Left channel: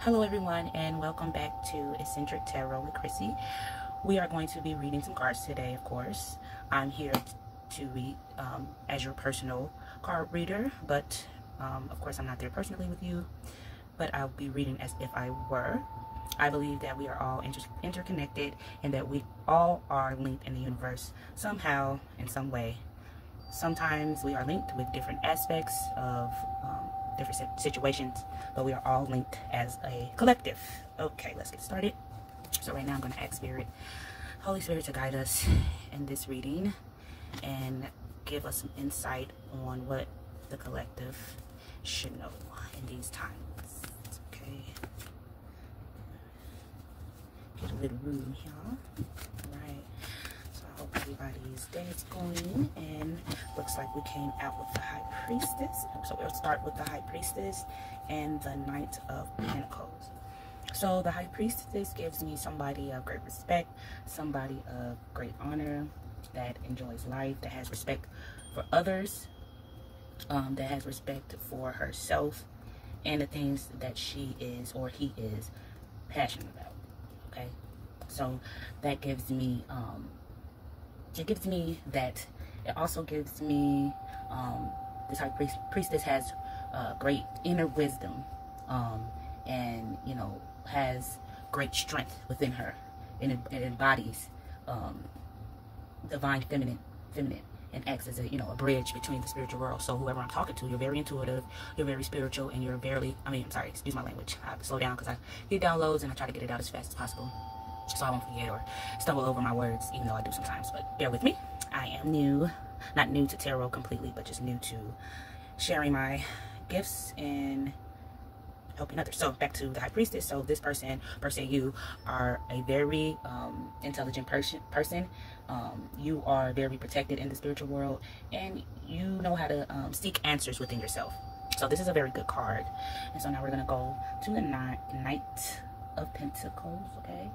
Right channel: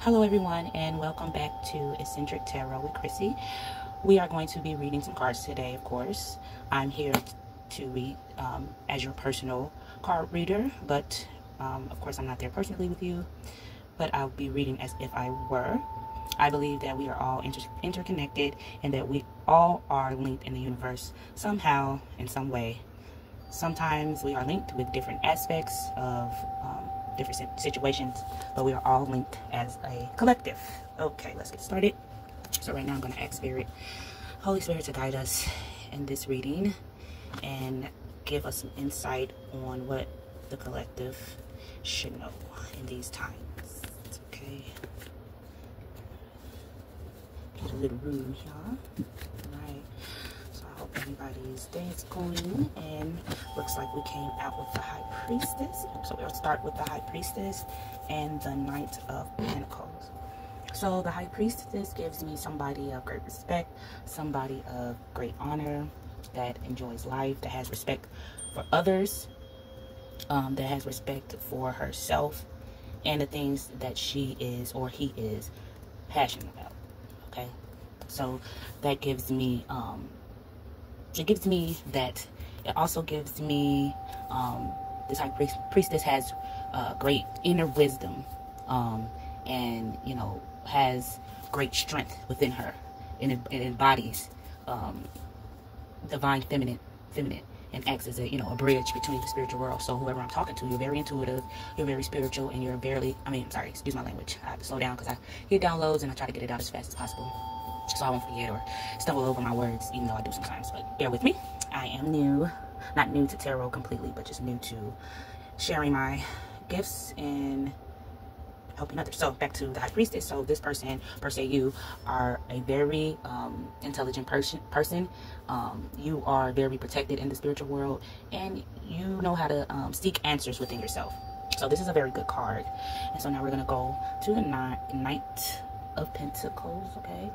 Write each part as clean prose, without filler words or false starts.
Hello everyone, and welcome back to Eccentric Tarot with Chrissy. We are going to be reading some cards today, of course. I'm here to read as your personal card reader, but of course I'm not there personally with you, but I'll be reading as if I were. I believe that we are all interconnected and that we all are linked in the universe somehow, in some way. Sometimes we are linked with different aspects of different situations, but we are all linked as a collective. Okay, let's get started. So right now I'm going to ask Spirit, Holy Spirit, to guide us in this reading and give us some insight on what the collective should know in these times. Okay. Get a little room here. Alright. So I hope everybody's day is going, and looks like we came out with the High Priestess. So we'll start with the High Priestess and the Knight of Pentacles. So the High Priestess gives me somebody of great respect, somebody of great honor, that enjoys life, that has respect for others, that has respect for herself and the things that she is or he is passionate about. Okay, so that gives me it gives me that. It also gives me this High Priestess has great inner wisdom, and you know, has great strength within her, and it embodies divine feminine, and acts as a, you know, a bridge between the spiritual world. So whoever I'm talking to, you're very intuitive, you're very spiritual, and you're very, sorry, excuse my language, I have to slow down because I get downloads and I try to get it out as fast as possible, so I won't forget or stumble over my words, even though I do sometimes. But bear with me. I am new, not new to tarot completely, but just new to sharing my gifts and helping others. So back to the High Priestess. So this person, per se, you are a very intelligent person. You are very protected in the spiritual world, and you know how to seek answers within yourself. So this is a very good card. And so now we're going to go to the Knight of Pentacles, okay?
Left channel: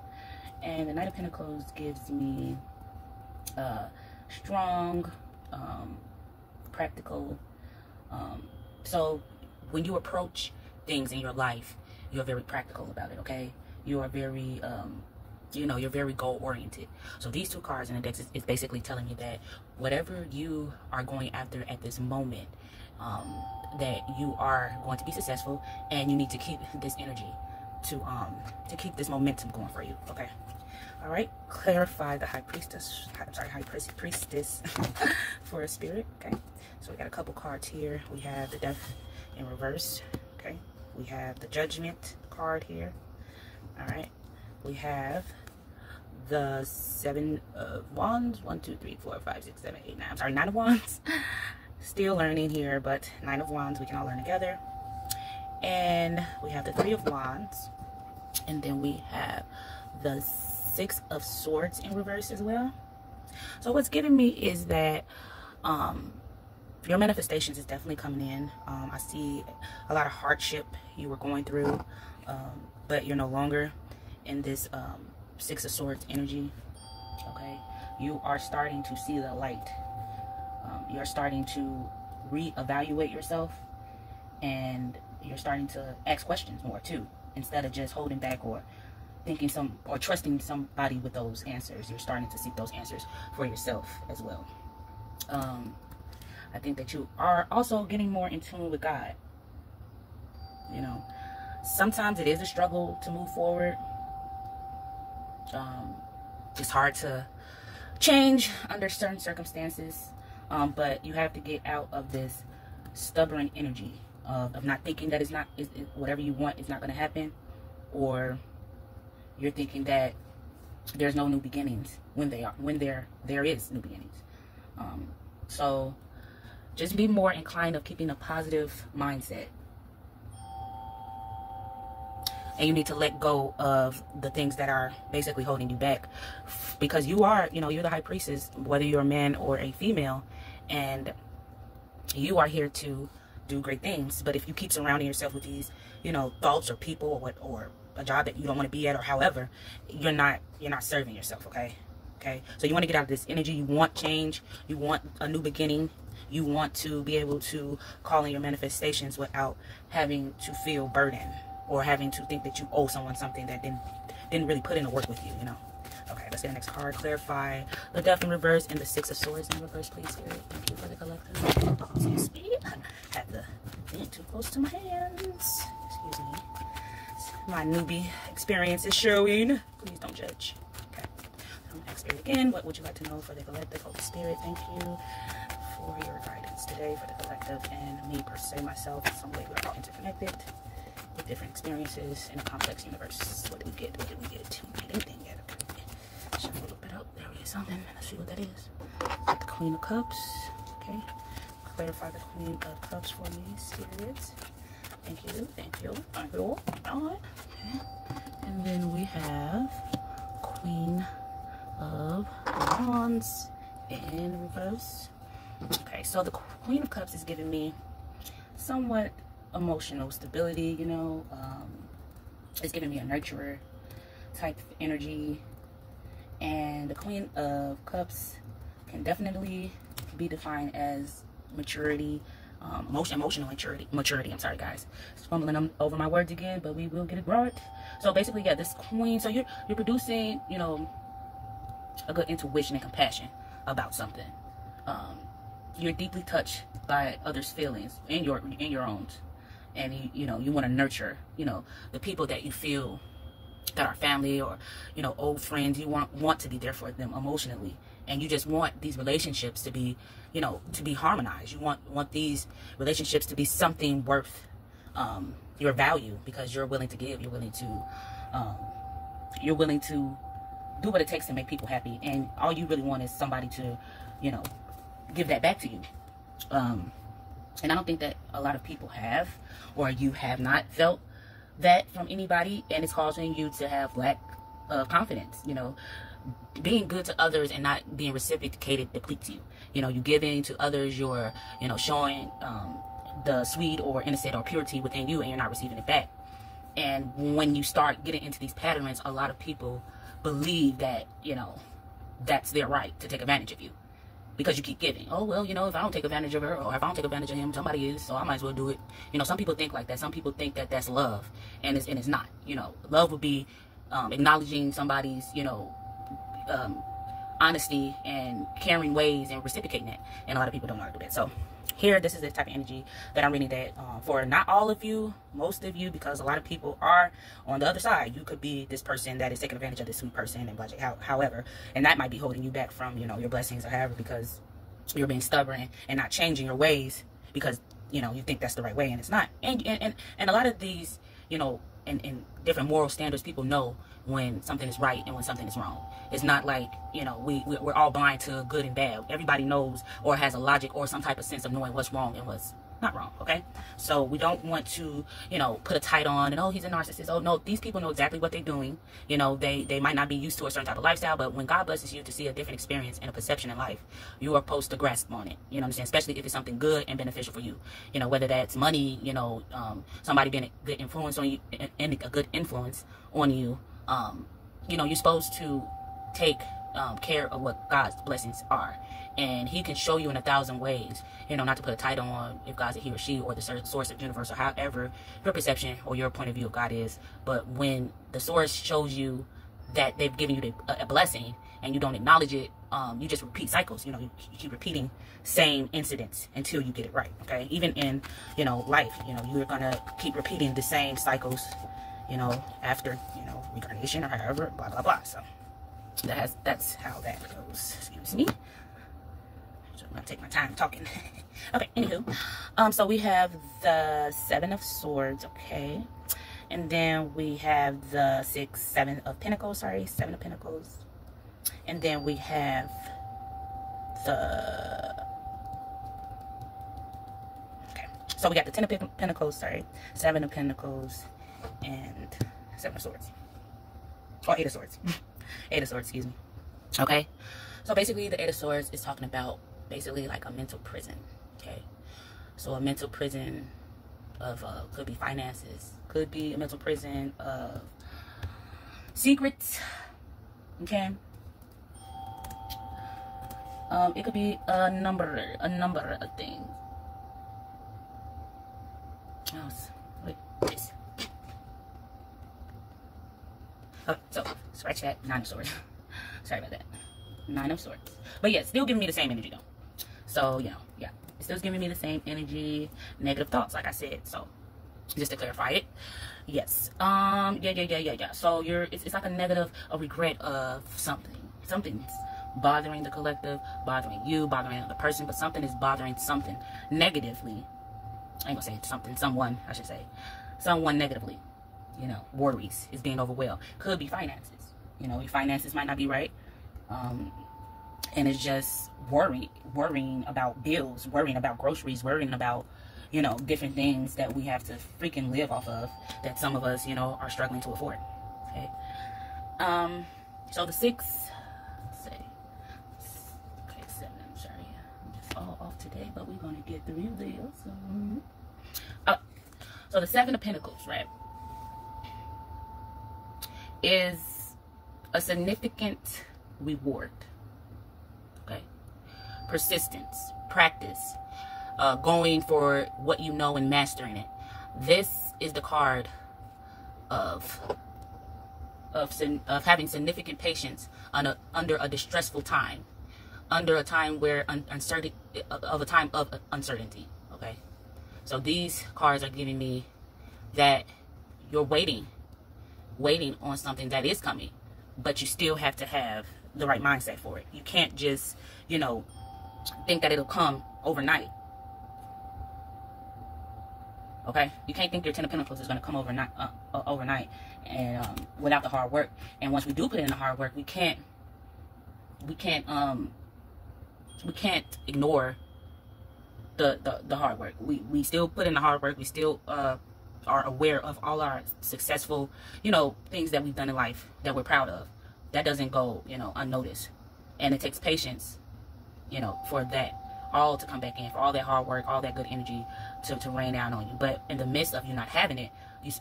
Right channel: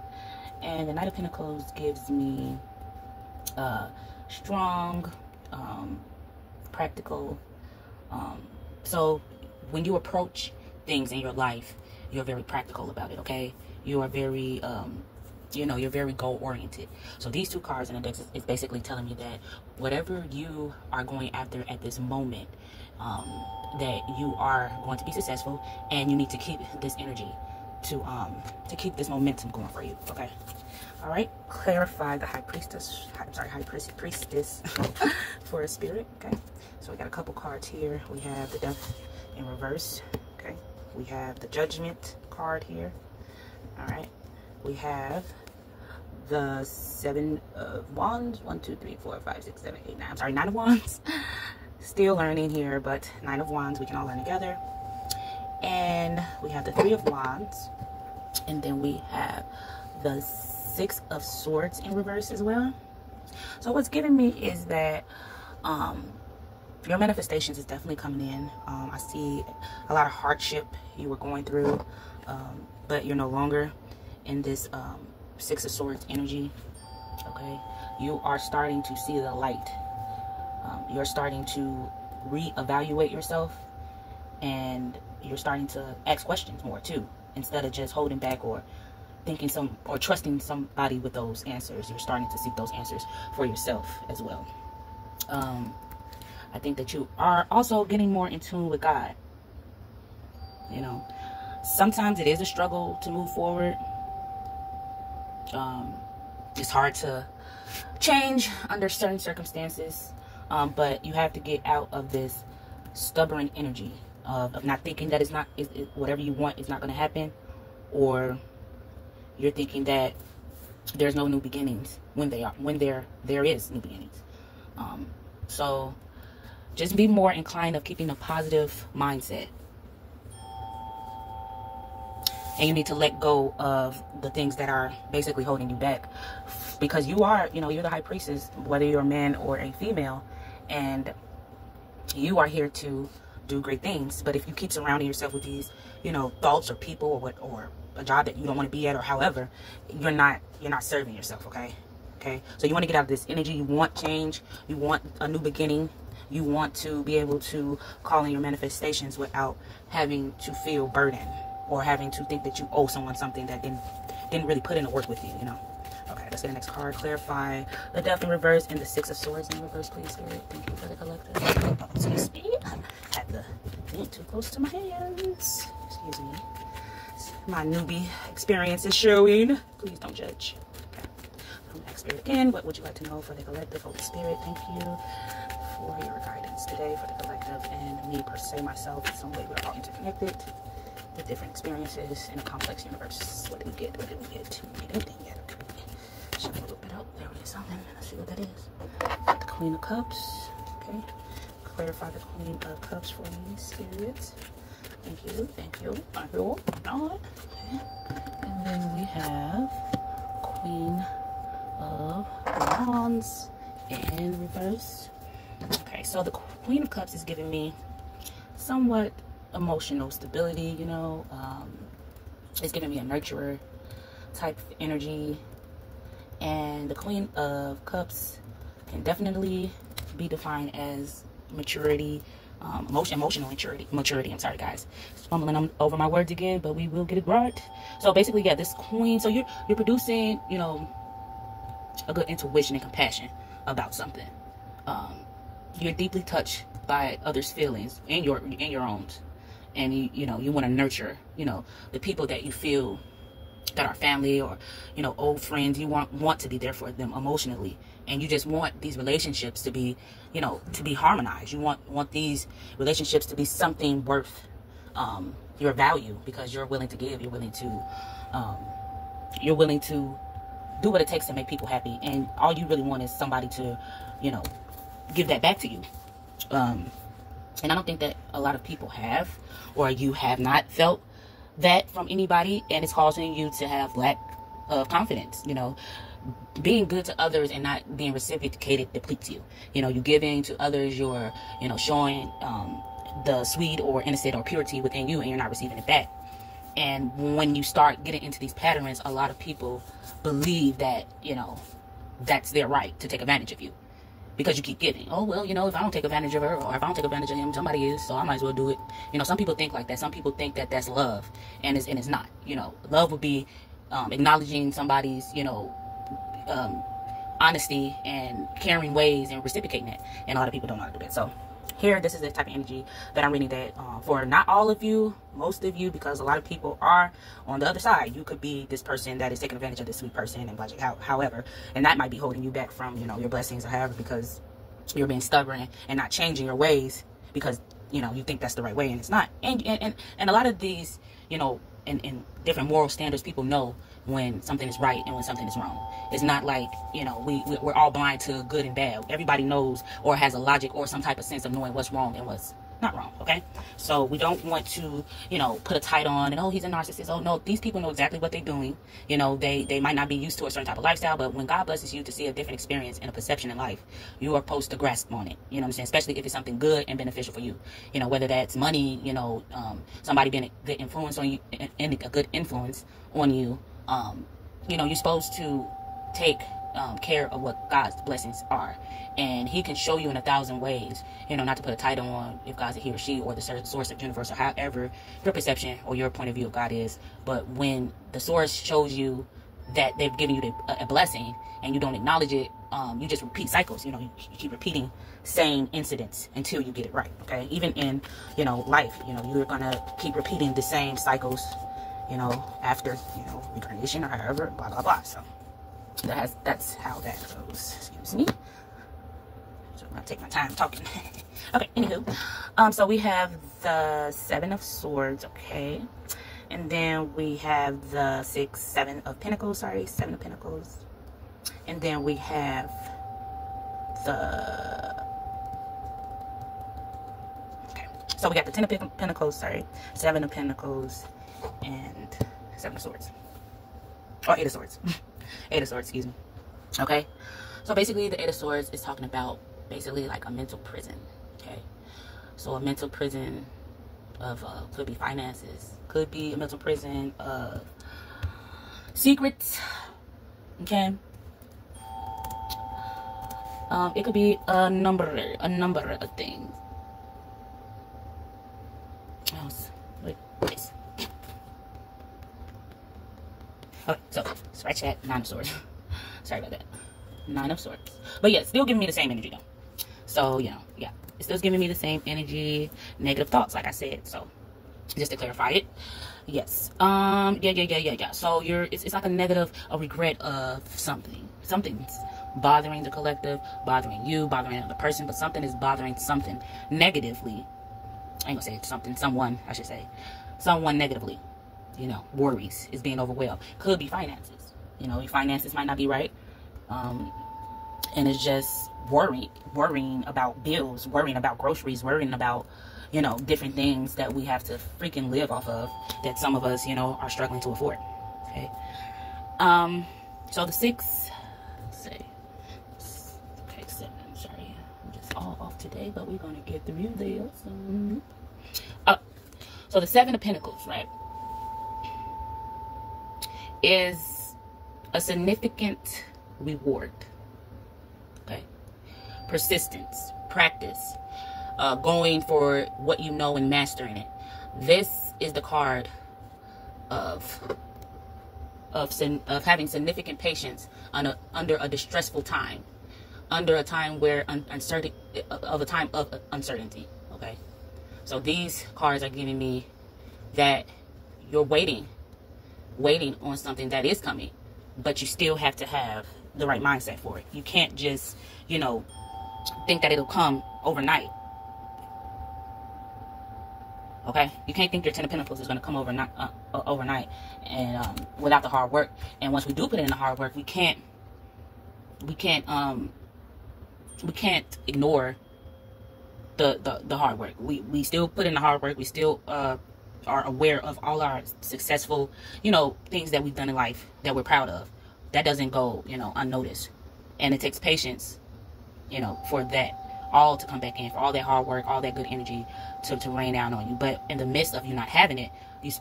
And the Knight of Pentacles gives me strong, practical. So when you approach things in your life, you're very practical about it, okay? You are very, you know, you're very goal-oriented. So these two cards in the deck is basically telling me that whatever you are going after at this moment, that you are going to be successful, and you need to keep this energy to keep this momentum going for you, okay? All right, clarify the High Priestess, High Priestess for a Spirit, okay? So we got a couple cards here. We have the Death in reverse, okay? We have the Judgment card here, all right? We have the Seven of Wands, 1, 2, 3, 4, 5, 6, 7, 8, 9. I'm sorry, 9 of Wands. Still learning here, but 9 of Wands, we can all learn together. And we have the 3 of Wands, and then we have the 6 of Swords in reverse as well. So what's giving me is that your manifestations is definitely coming in. I see a lot of hardship you were going through, but you're no longer in this 6 of Swords energy, okay? You are starting to see the light. You're starting to reevaluate yourself, and you're starting to ask questions more too, instead of just holding back or thinking or trusting somebody with those answers. You're starting to seek those answers for yourself as well. I think that you are also getting more in tune with God. You know, sometimes it is a struggle to move forward. It's hard to change under certain circumstances, but you have to get out of this stubborn energy of not thinking that whatever you want is not going to happen, or you're thinking that there's no new beginnings when there is new beginnings. So just be more inclined of keeping a positive mindset. And you need to let go of the things that are basically holding you back, because you are, you know, you're the High Priestess, whether you're a man or a female, and you are here to do great things. But if you keep surrounding yourself with these, you know, thoughts or people or a job that you don't want to be at, or however, you're not serving yourself, okay? So you want to get out of this energy. You want change. You want a new beginning. You want to be able to call in your manifestations without having to feel burdened. or having to think that you owe someone something that didn't really put in the work with you, you know. Okay, let's get the next card. Clarify the Death in reverse and the Six of Swords in reverse, please, Spirit. Thank you for the collective. Oh, excuse me. I had the thing too close to my hands. Excuse me. My newbie experience is showing. Please don't judge. Okay. I'm going to ask Spirit again. What would you like to know for the collective? Holy Spirit, thank you for your guidance today for the collective and me per se, myself. In some way, we're all interconnected with different experiences in a complex universe. What did we get? What did we get? We didn't get anything yet. Okay. Shut a little bit up. There we get something. Let's see what that is. Got the Queen of Cups. Okay. Clarify the Queen of Cups for me, Spirit. Thank you. Thank you. Thank you. Okay. And then we have Queen of Wands in reverse. Okay, so the Queen of Cups is giving me somewhat emotional stability, you know. It's giving me a nurturer type energy. And the Queen of Cups can definitely be defined as maturity, emotional maturity. I'm sorry, guys. Fumbling over my words again, but we will get it right. So basically, yeah, this Queen. So you're producing, you know, a good intuition and compassion about something. You're deeply touched by others' feelings and your own, and you know you want to nurture, you know, the people that you feel that are family or, you know, old friends. You want to be there for them emotionally, and you just want these relationships to be, you know, to be harmonized. You want these relationships to be something worth your value, because you're willing to give. You're willing to do what it takes to make people happy, and all you really want is somebody to, you know, give that back to you. And I don't think that a lot of people have, or you have not felt that from anybody, and it's causing you to have lack of confidence. You know, being good to others and not being reciprocated depletes you. You know, you giving to others, you're, you know, showing the sweet or innocent or purity within you, and you're not receiving it back. And when you start getting into these patterns, a lot of people believe that, you know, that's their right to take advantage of you, because you keep giving. Oh, well, you know, if I don't take advantage of her, or if I don't take advantage of him, somebody is, so I might as well do it. You know, some people think like that. Some people think that that's love, and it's not. You know, love would be acknowledging somebody's, you know, honesty and caring ways and reciprocating that. And a lot of people don't know how to do that. So here, this is the type of energy that I'm reading, that for not all of you, most of you, because a lot of people are on the other side. You could be this person that is taking advantage of this sweet person and budget, however, and that might be holding you back from, you know, your blessings or however, because you're being stubborn and not changing your ways because, you know, you think that's the right way and it's not. And a lot of these, you know, in different moral standards, people know when something is right and when something is wrong. It's not like, you know, we're all blind to good and bad. Everybody knows or has a logic or some type of sense of knowing what's wrong and what's not wrong, okay? So we don't want to, you know, put a title on and, oh, he's a narcissist. Oh, no, these people know exactly what they're doing. You know, they might not be used to a certain type of lifestyle, but when God blesses you to see a different experience and a perception in life, you are supposed to grasp on it. You know what I'm saying? Especially if it's something good and beneficial for you. You know, whether that's money, you know, somebody being a good influence on you, and a good influence on you. You know, you're supposed to take care of what God's blessings are, and he can show you in 1,000 ways. You know, not to put a title on if God's a he or she or the source of the universe or however your perception or your point of view of God is, but when the source shows you that they've given you a blessing and you don't acknowledge it, you just repeat cycles. You know, you keep repeating same incidents until you get it right. Okay, even in, you know, life, you know, you're gonna keep repeating the same cycles, you know, after, you know, reincarnation or however, blah blah blah. So that's how that goes. Excuse me. So I'm gonna take my time talking. Okay, anywho, so we have the Seven of Swords, okay, and then we have the Seven of Pentacles, and then we have the, okay, so we got the Ten of Pentacles, Seven of Pentacles, and Seven of Swords, or Eight of Swords. Eight of Swords, excuse me. Okay, so basically the Eight of Swords is talking about basically like a mental prison. Okay, so a mental prison of could be finances, could be a mental prison of secrets. Okay, it could be a number of things. Wait, Okay, so scratch that. 9 of Swords. Sorry about that. 9 of Swords. But yeah, still giving me the same energy though. So, you know, yeah. It's still giving me the same energy, negative thoughts, like I said. So, just to clarify it. Yes. Yeah. So, it's like a negative, a regret of something. Something's bothering the collective, bothering you, bothering another person, but something is bothering something negatively. I ain't gonna say something, someone, I should say. Someone negatively. You know, worries, is being overwhelmed. Could be finances. You know, your finances might not be right. And it's just worrying about bills, worrying about groceries, worrying about, you know, different things that we have to freaking live off of, that some of us, you know, are struggling to afford. Okay. So the 6, say, okay, 7, I'm sorry. I'm just all off today, but we're going to get through this. So the 7 of Pentacles, right, is a significant reward. Okay. Persistence, practice, going for what you know and mastering it. This is the card of having significant patience under a distressful time, under a time where a time of uncertainty. Okay, so these cards are giving me that you're waiting on something that is coming, but you still have to have the right mindset for it. You can't just, you know, think that it'll come overnight. Okay, you can't think your 10 of Pentacles is going to come overnight and without the hard work. And once we do put in the hard work, we can't ignore the hard work. We still put in the hard work. We still are aware of all our successful, you know, things that we've done in life that we're proud of. That doesn't go, you know, unnoticed. And it takes patience, you know, for that all to come back in, for all that hard work, all that good energy to rain down on you. But in the midst of you not having it,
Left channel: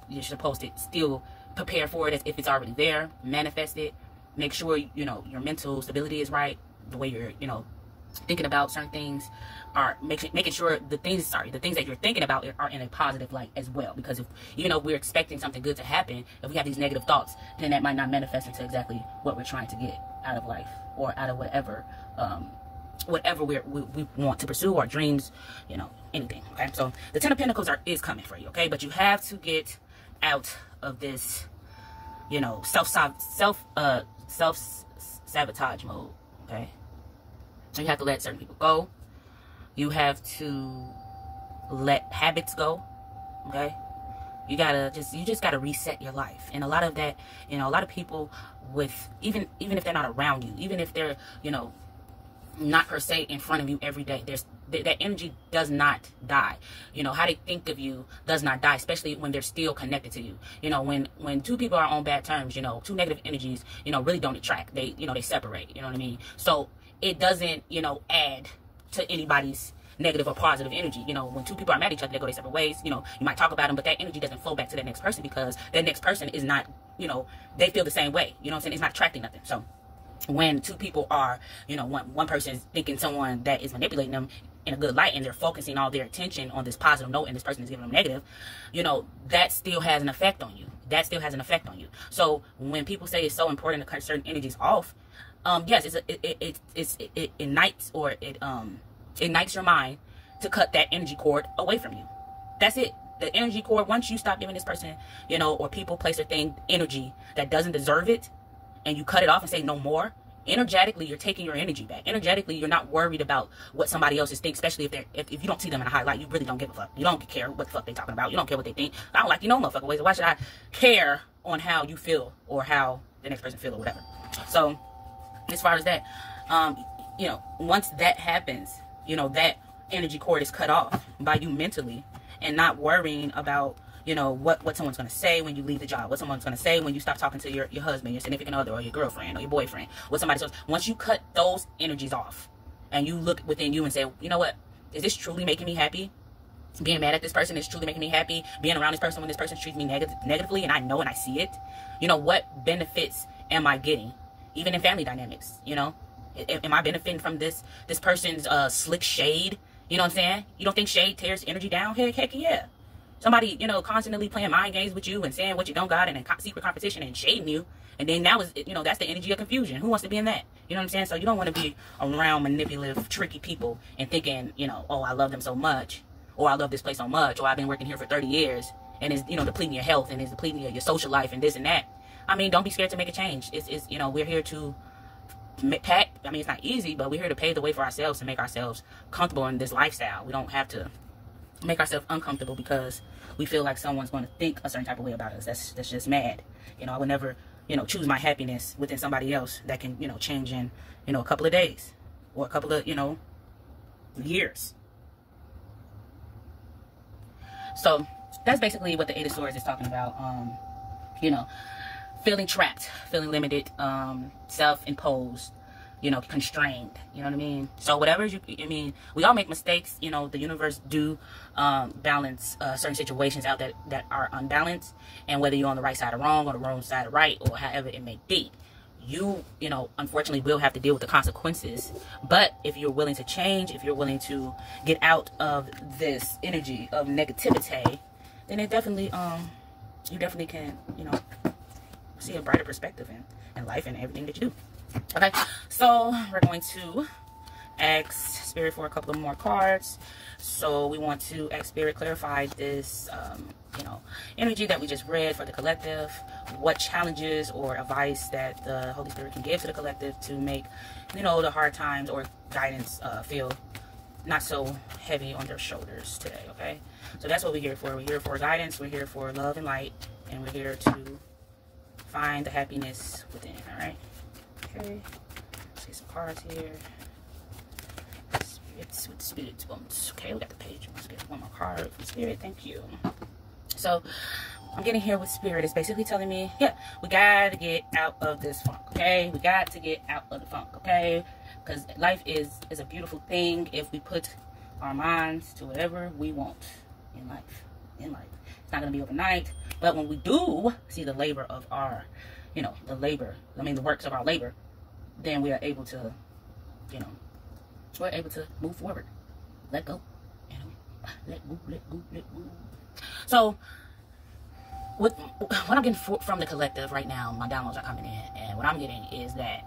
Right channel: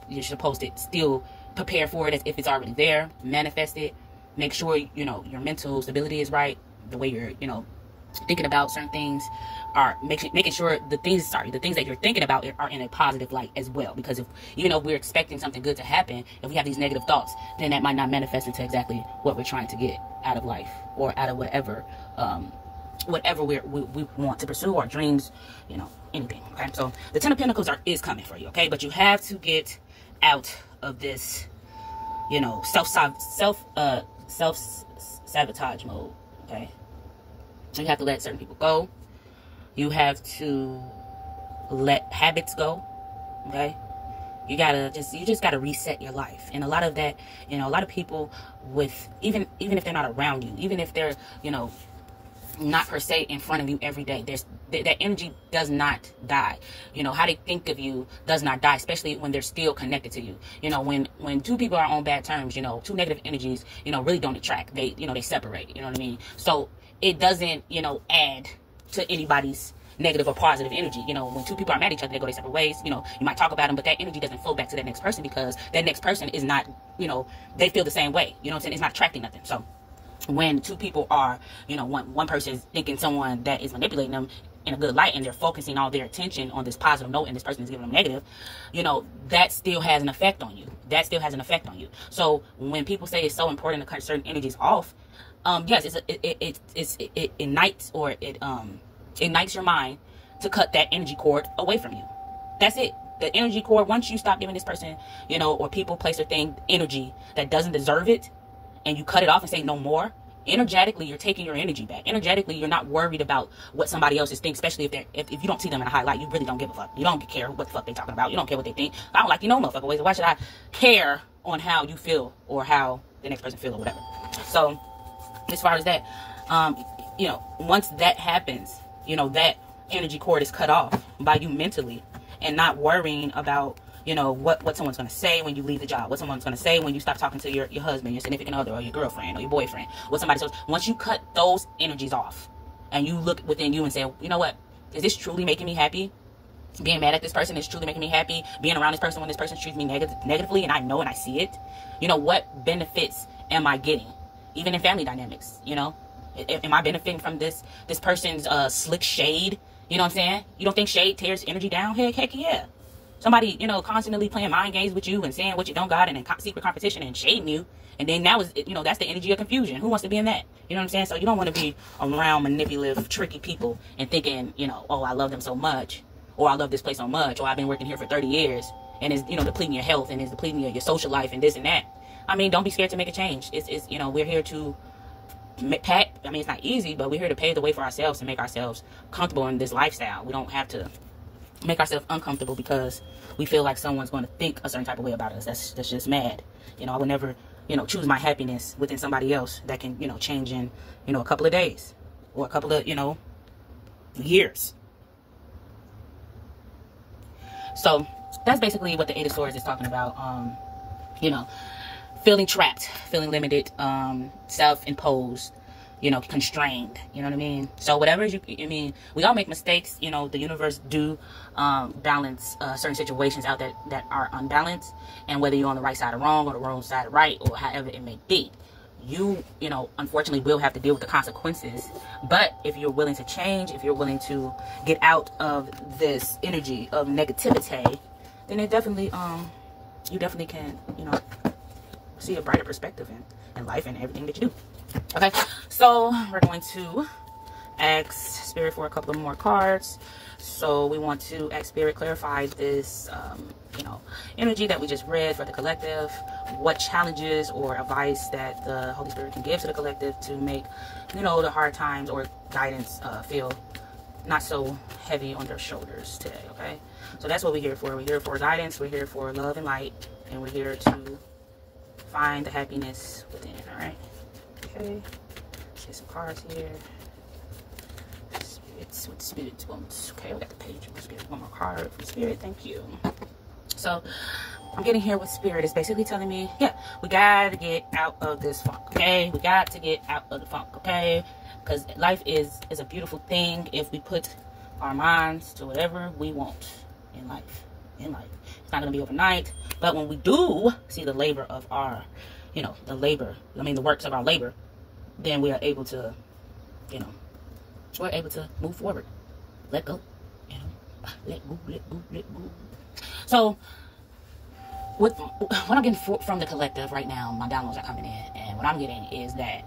you're supposed to still prepare for it as if it's already there, manifest it, make sure, you know, your mental stability is right, the way you're, you know, thinking about certain things, are making sure the things that you're thinking about are in a positive light as well. Because if, you know, we're expecting something good to happen, if we have these negative thoughts, then that might not manifest into exactly what we're trying to get out of life, or out of whatever we want to pursue, our dreams, you know, anything. Okay, so the 10 of Pentacles is coming for you. Okay, but you have to get out of this, you know, self sabotage mode. Okay, you have to let certain people go. You have to let habits go. Okay, you just gotta reset your life. And a lot of that, you know, a lot of people with, even if they're not around you, even if they're, you know, not per se in front of you every day, that energy does not die. You know, how they think of you does not die, especially when they're still connected to you. You know, when two people are on bad terms, you know, two negative energies, you know, really don't attract. They, you know, they separate. You know what I mean? So it doesn't, you know, add to anybody's negative or positive energy. You know, when two people are mad at each other, they go their separate ways. You know, you might talk about them, but that energy doesn't flow back to that next person, because that next person is not, you know, they feel the same way. You know what I'm saying? It's not attracting nothing. So when two people are, you know, one person is thinking someone that is manipulating them in a good light, and they're focusing all their attention on this positive note, and this person is giving them negative, you know, that still has an effect on you. That still has an effect on you. So when people say it's so important to cut certain energies off, yes, it ignites, or it ignites your mind to cut that energy cord away from you. That's it. The energy cord, once you stop giving this person, you know, or people, place, or thing energy that doesn't deserve it, and you cut it off and say no more, energetically you're taking your energy back. Energetically, you're not worried about what somebody else is thinking, especially if you don't see them in a high light. You really don't give a fuck. You don't care what the fuck they're talking about. You don't care what they think. I don't like you, no motherfucker ways. Why should I care on how you feel or how the next person feel or whatever? So as far as that, you know, once that happens, you know, that energy cord is cut off by you mentally, and not worrying about, you know, what someone's going to say when you leave the job, what someone's going to say when you stop talking to your husband, your significant other, or your girlfriend, or your boyfriend, what somebody says. Once you cut those energies off, and you look within you and say, you know what, is this truly making me happy? Being mad at this person is truly making me happy. Being around this person when this person treats me negatively, and I know and I see it, you know, what benefits am I getting? Even in family dynamics, you know, am I benefiting from this person's slick shade? You know what I'm saying? You don't think shade tears energy down? Heck yeah. Somebody, you know, constantly playing mind games with you and saying what you don't got and in secret competition and shading you. And then that was, you know, that's the energy of confusion. Who wants to be in that? You know what I'm saying? So you don't want to be around manipulative, tricky people and thinking, you know, oh, I love them so much, or I love this place so much, or I've been working here for 30 years and it's, you know, depleting your health and it's depleting your social life and this and that. I mean, don't be scared to make a change. It's you know, we're here to I mean, it's not easy, but we're here to pave the way for ourselves and make ourselves comfortable in this lifestyle. We don't have to make ourselves uncomfortable because we feel like someone's going to think a certain type of way about us. That's just mad. You know, I would never, you know, choose my happiness within somebody else that can, you know, change in, you know, a couple of days or a couple of, you know, years. So that's basically what the Eight of Swords is talking about. You know, feeling trapped, feeling limited, self-imposed, you know, constrained, you know what I mean? So whatever I mean, we all make mistakes, you know, the universe do balance certain situations out that are unbalanced, and whether you're on the right side or wrong, or the wrong side or right, or however it may be, you know, unfortunately will have to deal with the consequences. But if you're willing to change, if you're willing to get out of this energy of negativity, then it definitely, you definitely can, you know, see a brighter perspective in life and everything that you do. Okay, so we're going to ask Spirit for a couple of more cards. So we want to ask Spirit clarify this, you know, energy that we just read for the collective. What challenges or advice that the Holy Spirit can give to the collective to make, you know, the hard times or guidance feel not so heavy on their shoulders today. Okay, so that's what we're here for. We're here for guidance. We're here for love and light, and we're here to find the happiness within. All right. Okay. Let's get some cards here. Spirits with spirits wants. Okay, we got the page. Let's get one more card from Spirit. Thank you. So I'm getting here with Spirit. It's basically telling me, yeah, we gotta get out of this funk. Okay, we got to get out of the funk. Okay, because life is a beautiful thing if we put our minds to whatever we want in life. It's not gonna be overnight, but when we do see the labor of our, you know, the works of our labor, then we are able to, you know, we're able to move forward, let go, you know, let go. So what I'm getting from the collective right now, my downloads are coming in, and what I'm getting is that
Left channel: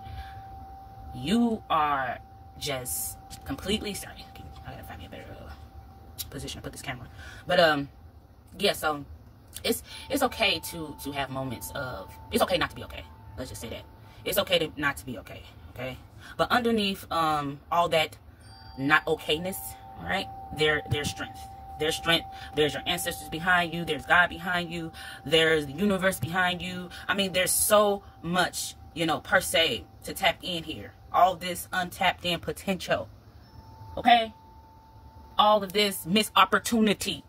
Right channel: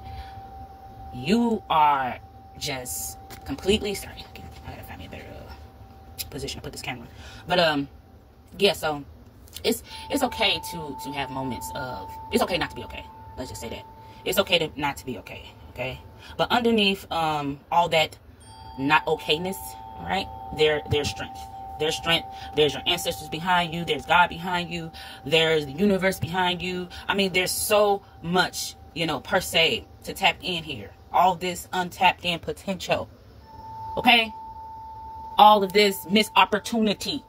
you are just completely, sorry, I gotta find me a better position to put this camera, but yeah, so it's okay to have moments of, it's okay not to be okay. Let's just say that. It's okay not to be okay, okay? But underneath all that not okayness, all right, there's strength. There's strength. There's your ancestors behind you. There's God behind you. There's the universe behind you. I mean, there's so much, you know, per se, to tap in here. All this untapped in potential, okay? All of this missed opportunity.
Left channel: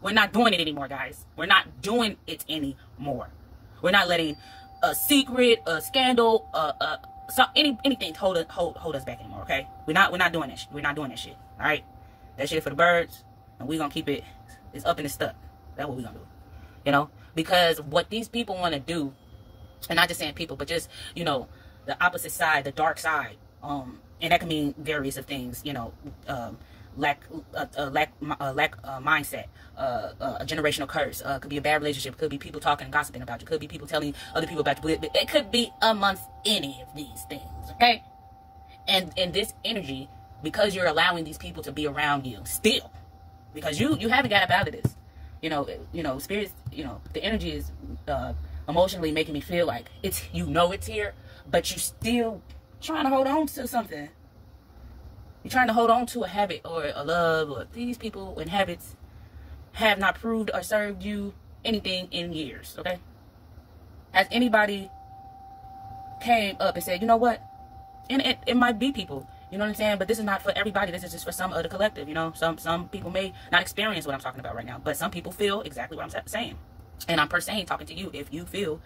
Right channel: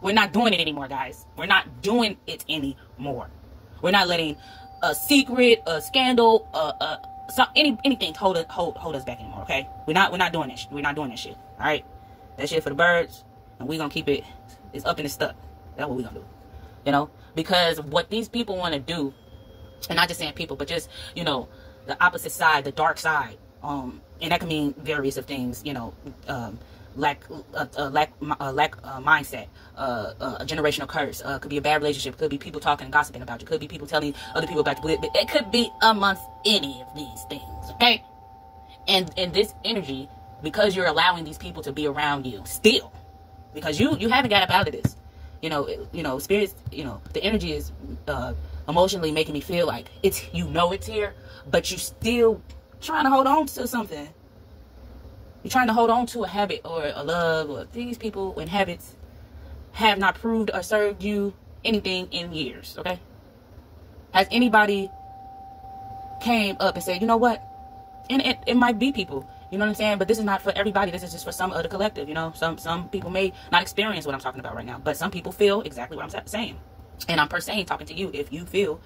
We're not doing it anymore, guys. We're not doing it anymore. We're not letting a secret, a scandal, anything hold us back anymore. Okay, we're not doing this. We're not doing this shit. All right, that shit for the birds, and we're gonna keep it. It's up and it's stuck. That's what we're gonna do. You know, because what these people want to do, and not just saying people, but just, you know, the opposite side, the dark side. And that can mean various of things. You know, lack mindset, a generational curse, could be a bad relationship, could be people talking and gossiping about you, could be people telling other people about you, but it could be amongst any of these things, okay? And this energy, because you're allowing these people to be around you still, because you haven't got up out of this, you know, spirits, you know, the energy is emotionally making me feel like it's, you know, it's here, but you still trying to hold on to something. You're trying to hold on to a habit or a love, or these people and habits have not proved or served you anything in years, okay? Has anybody came up and said, you know what? And it might be people, you know what I'm saying? But this is not for everybody. This is just for some of the collective, you know? Some people may not experience what I'm talking about right now, but some people feel exactly what I'm saying. And I'm per se talking to you if you feel,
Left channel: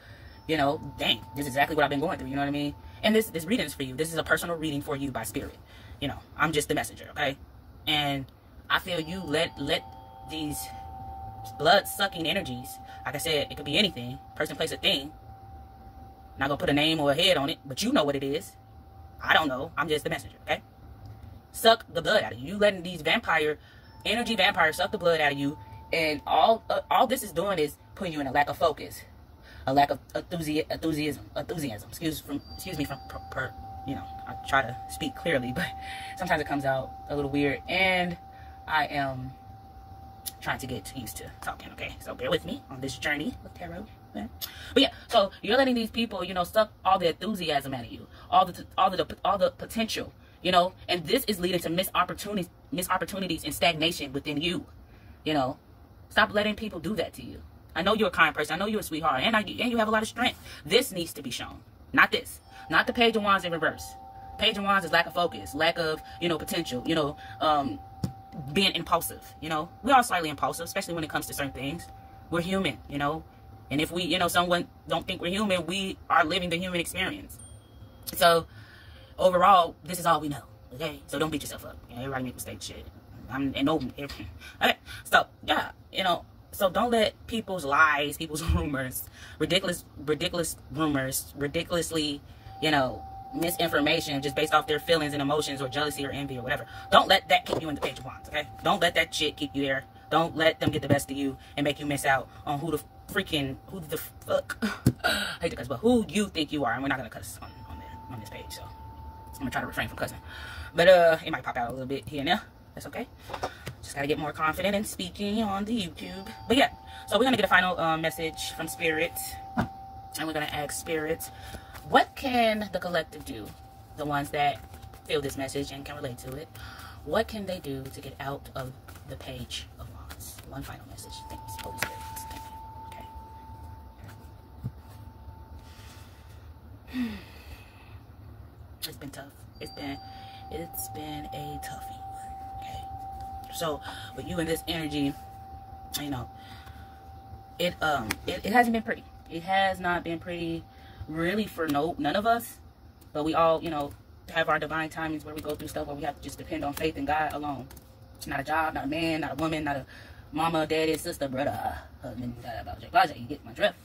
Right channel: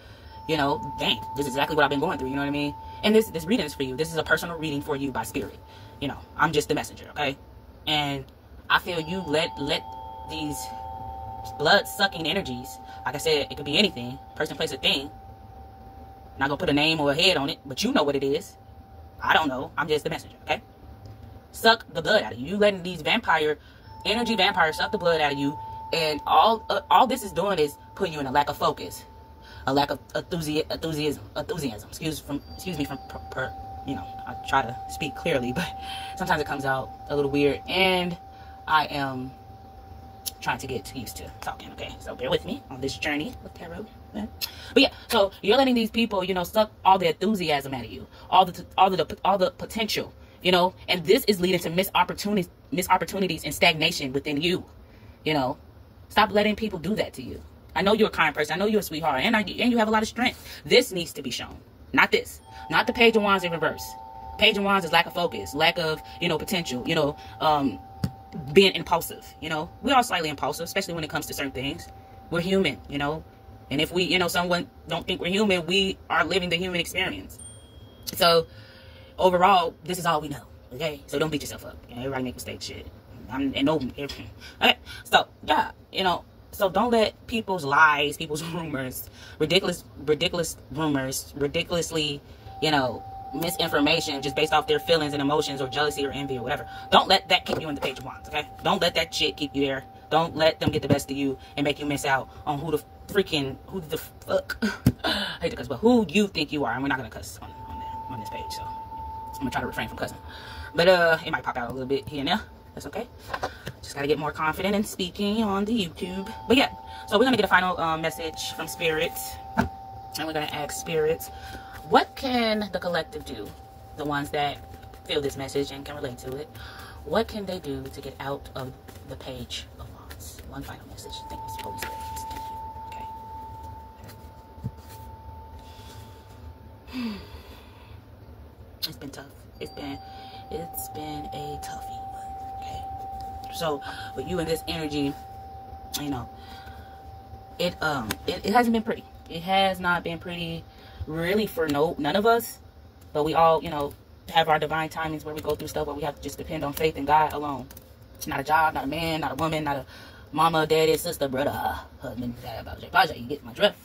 you know, dang, this is exactly what I've been going through, you know what I mean? And this reading is for you. This is a personal reading for you by Spirit. You know, I'm just the messenger, okay? And I feel you let these blood-sucking energies, like I said, it could be anything, person, place, or thing. Not gonna put a name or a head on it, but you know what it is. I don't know. I'm just the messenger, okay? Suck the blood out of you. You letting these energy vampires suck the blood out of you And all this is doing is putting you in a lack of focus, a lack of enthusiasm. Excuse me from you know, I try to speak clearly, but sometimes it comes out a little weird, and I am trying to get used to talking. Okay, so bear with me on this journey of tarot. But yeah, so you're letting these people, you know, suck all the enthusiasm out of you, all the potential, you know, and this is leading to missed opportunities and stagnation within you. You know, stop letting people do that to you. I know you're a kind person. I know you're a sweetheart, and you have a lot of strength. This needs to be shown, not this. Not the Page of Wands in reverse. Page of Wands is lack of focus, lack of, you know, potential, you know, being impulsive, you know. We are slightly impulsive, especially when it comes to certain things. We're human, you know. And if we, you know, someone don't think we're human, we are living the human experience. So, overall, this is all we know, okay? So don't beat yourself up. You know, everybody make mistakes, shit. Okay, so, yeah, you know. So don't let people's lies, people's rumors, ridiculous rumors, ridiculously, you know, misinformation just based off their feelings and emotions or jealousy or envy or whatever. Don't let that keep you in the Page of Wands, okay? Don't let that shit keep you there. Don't let them get the best of you and make you miss out on who the fuck, I hate to cuss, but who you think you are. And we're not going to cuss on this page, so I'm going to try to refrain from cussing. But it might pop out a little bit here and there. That's okay. Just got to get more confident in speaking on the YouTube. But yeah, so we're going to get a final message from Spirit. And we're going to ask Spirit, what can the collective do? The ones that feel this message and can relate to it. What can they do to get out of the Page of Wands? One final message. Thank you, Holy Spirit. Thank you. Okay. It's been tough. It's been a toughie. Okay. So with you and this energy, you know, it hasn't been pretty. It has not been pretty, really, for none of us. But we all, you know, have our divine timings where we go through stuff where we have to just depend on faith in God alone. It's not a job, not a man, not a woman, not a mama, daddy, sister, brother, husband, you get my drift.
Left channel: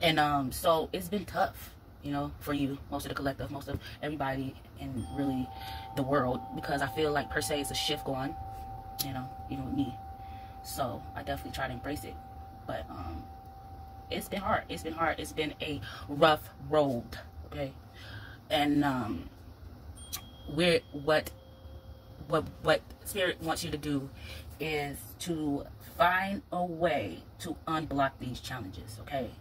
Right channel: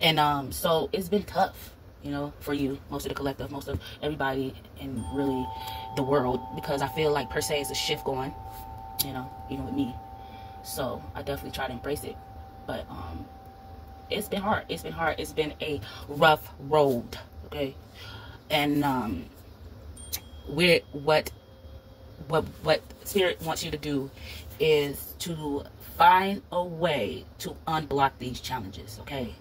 And so it's been tough, you know, for you, most of the collective, most of everybody, and really the world, because I feel like per se it's a shift going, you know, even with me. So I definitely try to embrace it, but it's been hard. It's been hard. It's been a rough road, okay? And what Spirit wants you to do is to find a way to unblock these challenges, okay?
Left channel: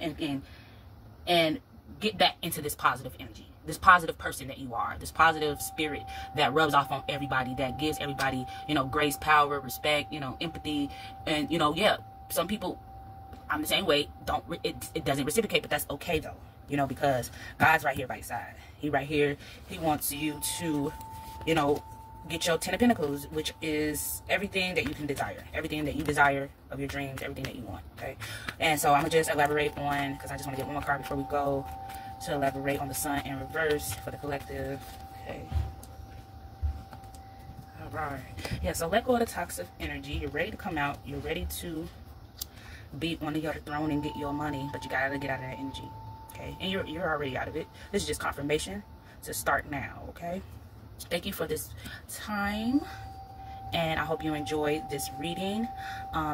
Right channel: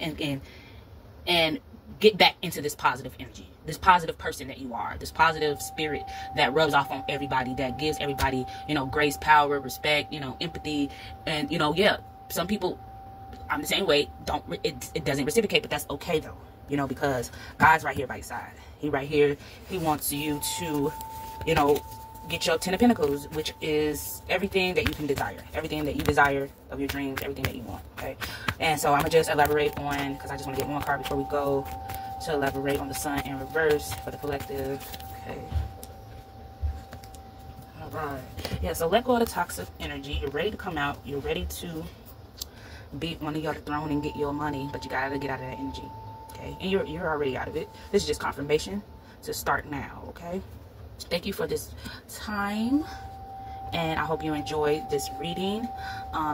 And get back into this positive energy, this positive person that you are, this positive spirit that rubs off on everybody, that gives everybody, you know, grace, power, respect, you know, empathy. And, you know, yeah, some people, I'm the same way, it doesn't reciprocate, but that's okay though, you know, because God's right here by your side. He right here. He wants you to, you know, get your 10 of Pentacles, which is everything that you can desire, everything that you desire of your dreams, everything that you want, okay? And so I'm gonna just elaborate on, because I just want to get one more card before we go, to elaborate on the Sun in reverse for the collective, okay? All right, yeah, so let go of the toxic energy. You're ready to come out. You're ready to beat one of y'all to the throne and get your money, but you gotta get out of that energy, okay? And you're already out of it. This is just confirmation to start now, okay? Thank you for this time, and I hope you enjoyed this reading.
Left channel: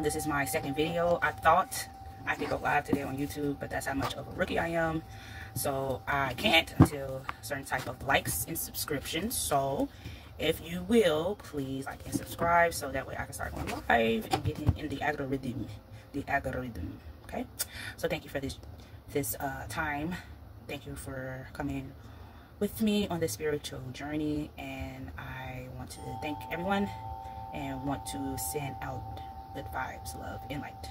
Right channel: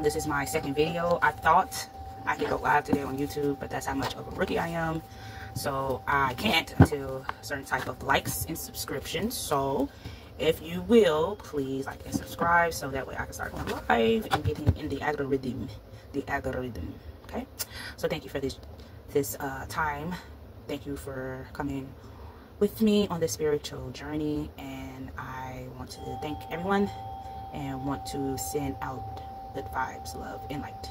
This is my second video. I thought I could go live today on YouTube, but that's how much of a rookie I am. So I can't until certain type of likes and subscriptions. So if you will, please like and subscribe so that way I can start going live and getting in the algorithm. Okay? So thank you for this time. Thank you for coming with me on this spiritual journey, and I want to thank everyone and want to send out good vibes, love, and light.